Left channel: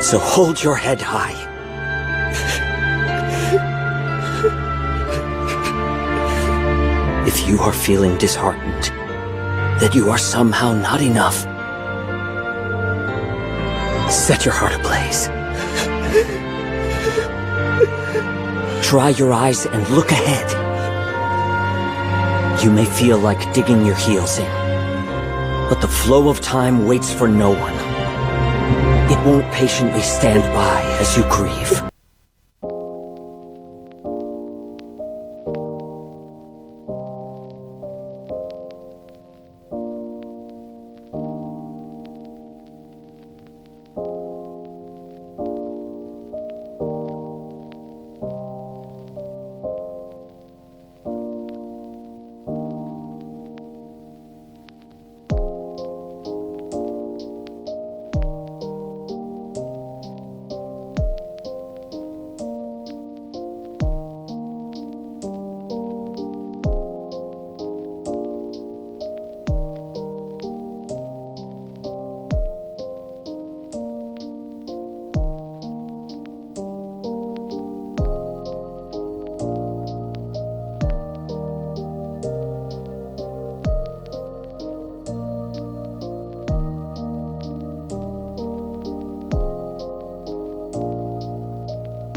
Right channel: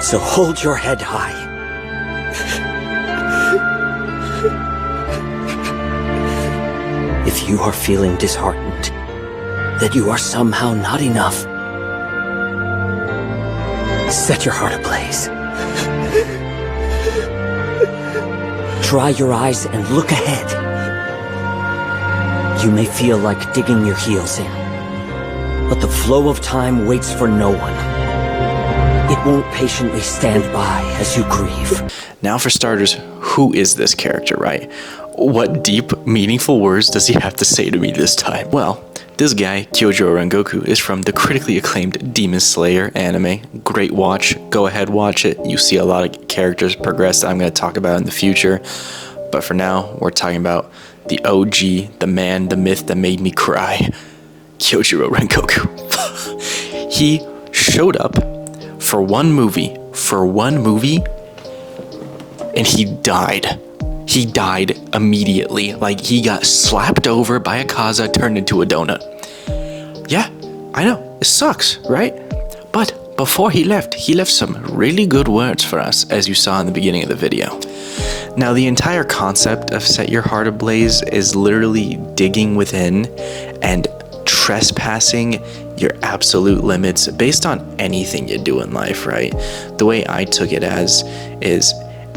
So hold your head high. If you are feeling disheartened, that you are somehow not enough, set your heart ablaze. Dry your eyes and look ahead. You may feel like digging your heels in, but the flow of time waits for no one. It won't patiently stand by as you grieve. Now for starters, who is this character, right? What deep, meaningful words does he have to say to me this time? Well, this guy, Kyojuro Rengoku, is from the critically acclaimed Demon Slayer anime. Great watch. Go ahead, watch it. You see a lot of characters progress that I'm going to talk about in the future. But for now, we're talking about the OG, the man, the myth that made me cry, Kyojuro Rengoku. He showed up for one movie, and he died. He died immediately, like he got slapped over by a Kaza turned into a donut. Yeah, I know, it sucks, right? But before he left some really good words for us, as you saw in the beginning of the video. Now, the entire concept of Set Your Heart Ablaze is literally digging within and trespassing your absolute limits based on anything you do in life, right? The way I took it as is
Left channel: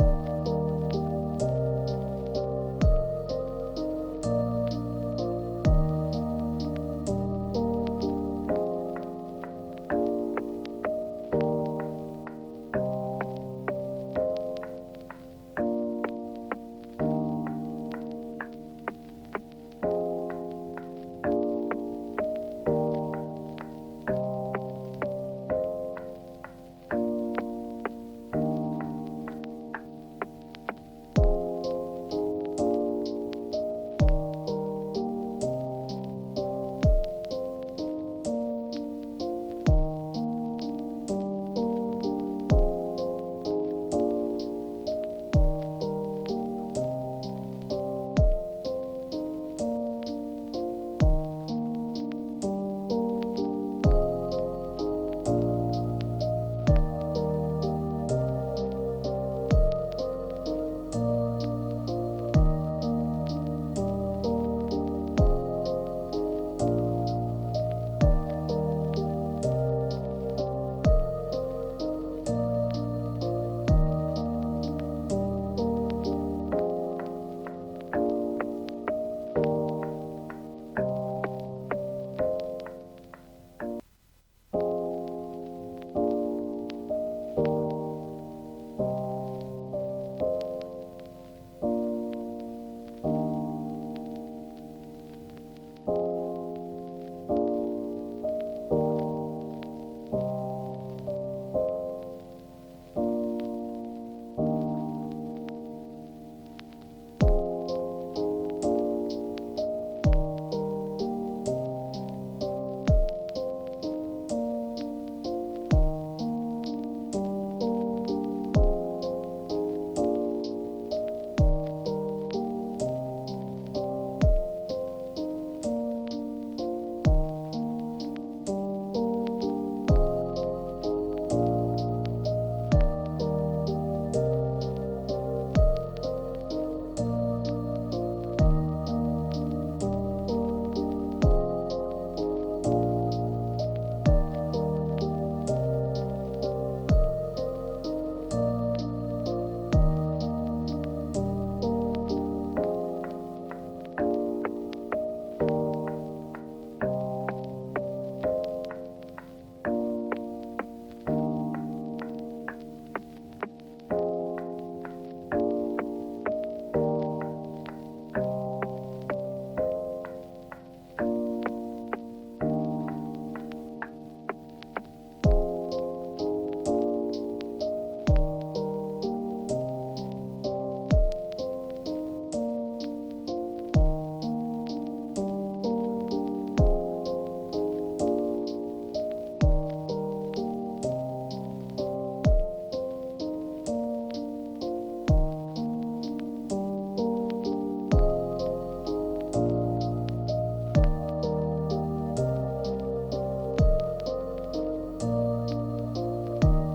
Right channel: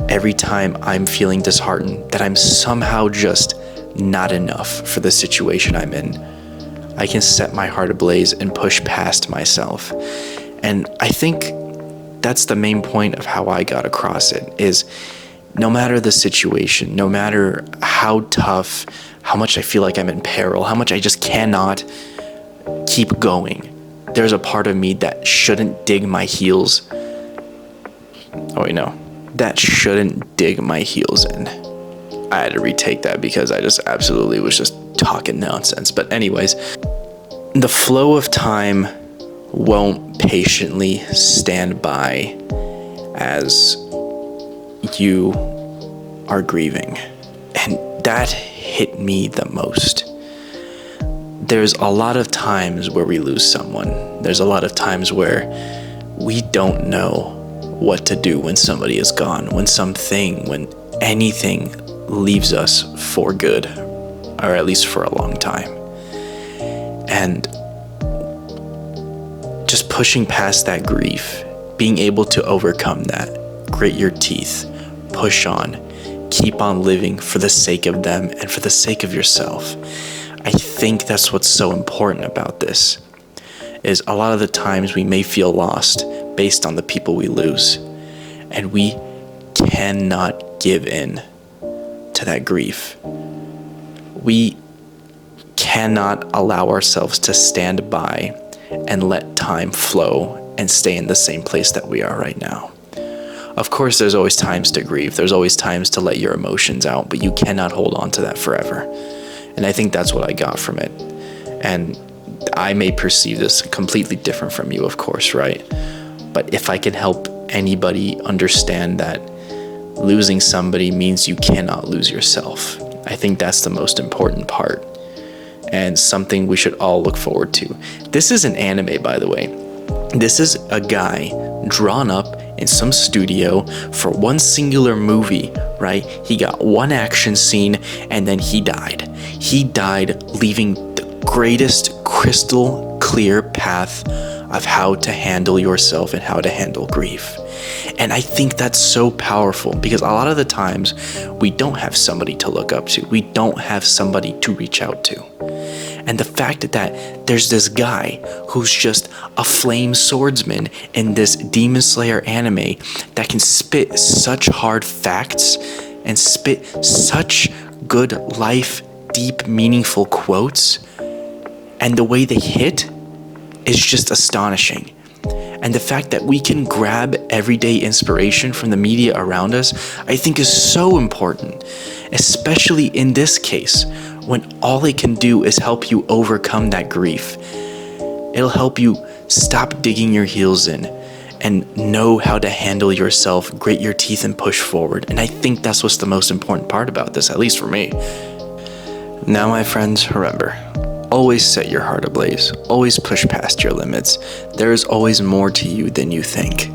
every time I'm feeling disheartened that I'm somehow just not enough for the situation I'm in, I can set my heart ablaze and push past myself. And I think that's the main point of how I got across it, is no matter the situation, no matter how tough, how much I feel like I'm in peril, how much I just cannot keep going, there's a part of me that shouldn't dig my heels. Oh wait, no. That shouldn't dig my heels in. I had to retake that because I just absolutely was just talking nonsense. But anyways, the flow of time won't patiently stand by as you are grieving. And that hit me the most. There's a lot of times where we lose someone. There's a lot of times where we don't know what to do when somebody is gone, when anything leaves us for good, or at least for a long time. And just pushing past that grief, being able to overcome that, grit your teeth, push on, keep on living for the sake of them and for the sake of yourself. I think that's what's so important about this, is a lot of the times we may feel lost based on the people we lose, and we cannot give in to that grief. We cannot allow ourselves to stand by and let time flow and stay in the same place that we are right now. Of course, there's always times to grieve. There's always times to let your emotions out, but you cannot hold on to that forever. And I think that's what I got from it. And I may perceive this completely different from you, of course, right? But if I can help anybody understand that losing somebody means you cannot lose yourself, I think that's the most important part, and something we should all look forward to. This is an anime, by the way. This is a guy drawn up in some studio for one singular movie, right? He got one action scene and then he died. He died leaving the greatest crystal clear path of how to handle yourself and how to handle grief. And I think that's so powerful, because a lot of the times we don't have somebody to look up to. We don't have somebody to reach out to. And the fact that there's this guy who's just a flame swordsman in this Demon Slayer anime that can spit such hard facts and spit such good life, deep, meaningful quotes, and the way they hit is just astonishing. And the fact that we can grab everyday inspiration from the media around us, I think is so important, especially in this case, when all it can do is help you overcome that grief. It'll help you stop digging your heels in and know how to handle yourself, grit your teeth, and push forward. And I think that's what's the most important part about this, at least for me. Now, my friends, remember, always set your heart ablaze. Always push past your limits. There is always more to you than you think.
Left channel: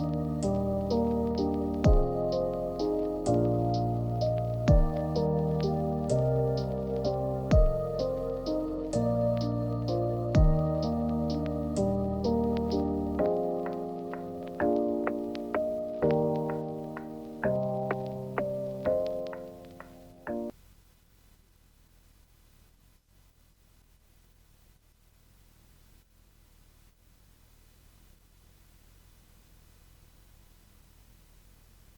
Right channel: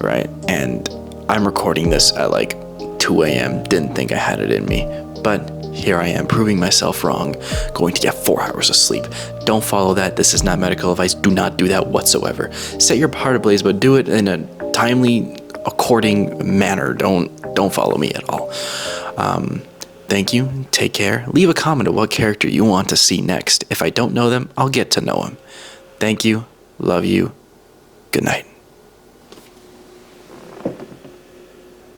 right? And I'm recording this at like 2 a.m. Didn't think I had it in me, but here I am proving myself wrong, going to get 4 hours of sleep. Don't follow that. This is not medical advice. Do not do that whatsoever. Set your heart ablaze, but do it in a timely, according manner. Don't follow me at all. Thank you. Take care. Leave a comment of what character you want to see next. If I don't know them, I'll get to know them. Thank you. Love you. Good night.